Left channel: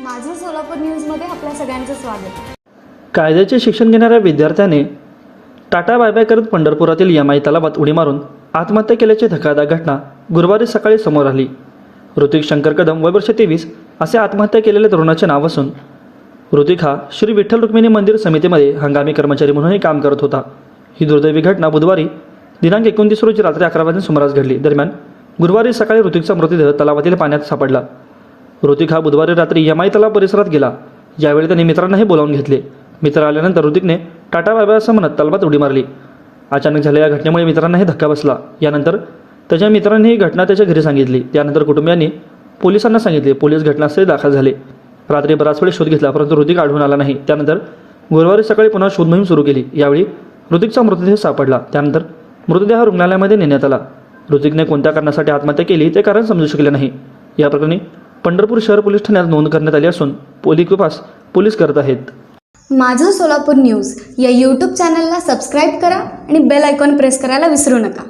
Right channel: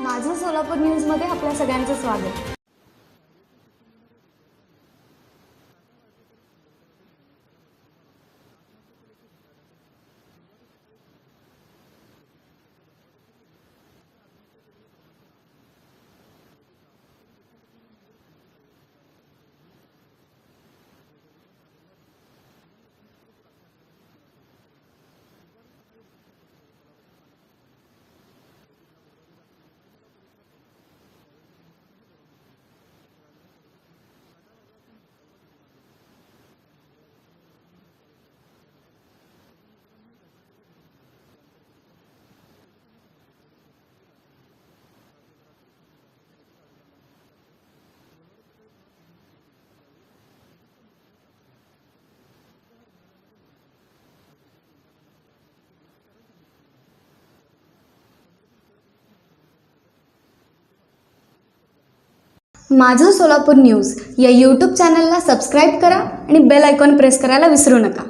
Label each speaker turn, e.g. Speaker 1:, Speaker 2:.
Speaker 1: माझं सोलापूर न्यूजमध्ये आपल्या सगळ्यांचं स्वागत.
Speaker 2: कायद्याचे शिक्षण घेणाऱ्या विद्यार्थ्याने टाटा बाय करत पंढरपुरातील यमाई तलावात उडी मारून आत्महत्या केल्याची धक्कादायक घटना गुरुवारी सकाळी समोर आली. ऋतिक शंकर कदम वय वर्ष तेवीस असे आत्महत्या केलेल्या तरुणाचे नाव असून ऋतिक हा श्री विठ्ठल रुक्मिणी मंदिर समितीमध्ये हंगामी कर्मचारी म्हणूनही काम करत होता. ही दुर्दैवी घटना बुधवारी दिनांक एकोणतीस रोजी रात्री अकरा वाजून सुमारास घडली. दरम्यान गुरुवारी सकाळी ऋतिकचा मृतदेह तलावातील पाण्यात सापडला. ऋतिक हा बुधवारी रात्री यमाई तलाव परिसरात गेला. यावेळी त्याने मित्रांनाही बोलावून घेतले. मित्र आल्यानंतर ऋतिकने टाटा बाबा असं म्हणत तलावात उडी मारली. अचानक झालेल्या या घटनेमुळे मित्रांनाही धक्का बसला. यानंतर त्याच्या मित्रांनी ही घटना त्याच्या घरी सांगितली. त्यानंतर कुटुंबियांनी पोलिसांना सांगितले. पोलीस घटनास्थळी दाखल झाले. रात्री बराच वेळ शोध घेतला परंतु ऋतिक आढळून आला नाही. त्यानंतर गुरुवारी सकाळी पुन्हा शोध मोहीम सुरू केली. यावेळी ऋतिकचा मृतदेह सापडला. त्यानंतर मृतदेह रुग्णालयामध्ये नेण्यात आला. ऋतिकने कोणत्या कारणासाठी आत्महत्या केली ते कारण समजू शकले नाही. या प्रकरणी पंढरपूर शहर पोलीस ठाण्यात नोंद करण्यात आली असून पोलीस तपास पोलीस करत आहेत.
Speaker 1: माझं सोलापूर न्यूज या यूट्यूब चॅनलला सबस्क्राईब करा आणि बेल आयकॉन प्रेस करायला विसरू नका.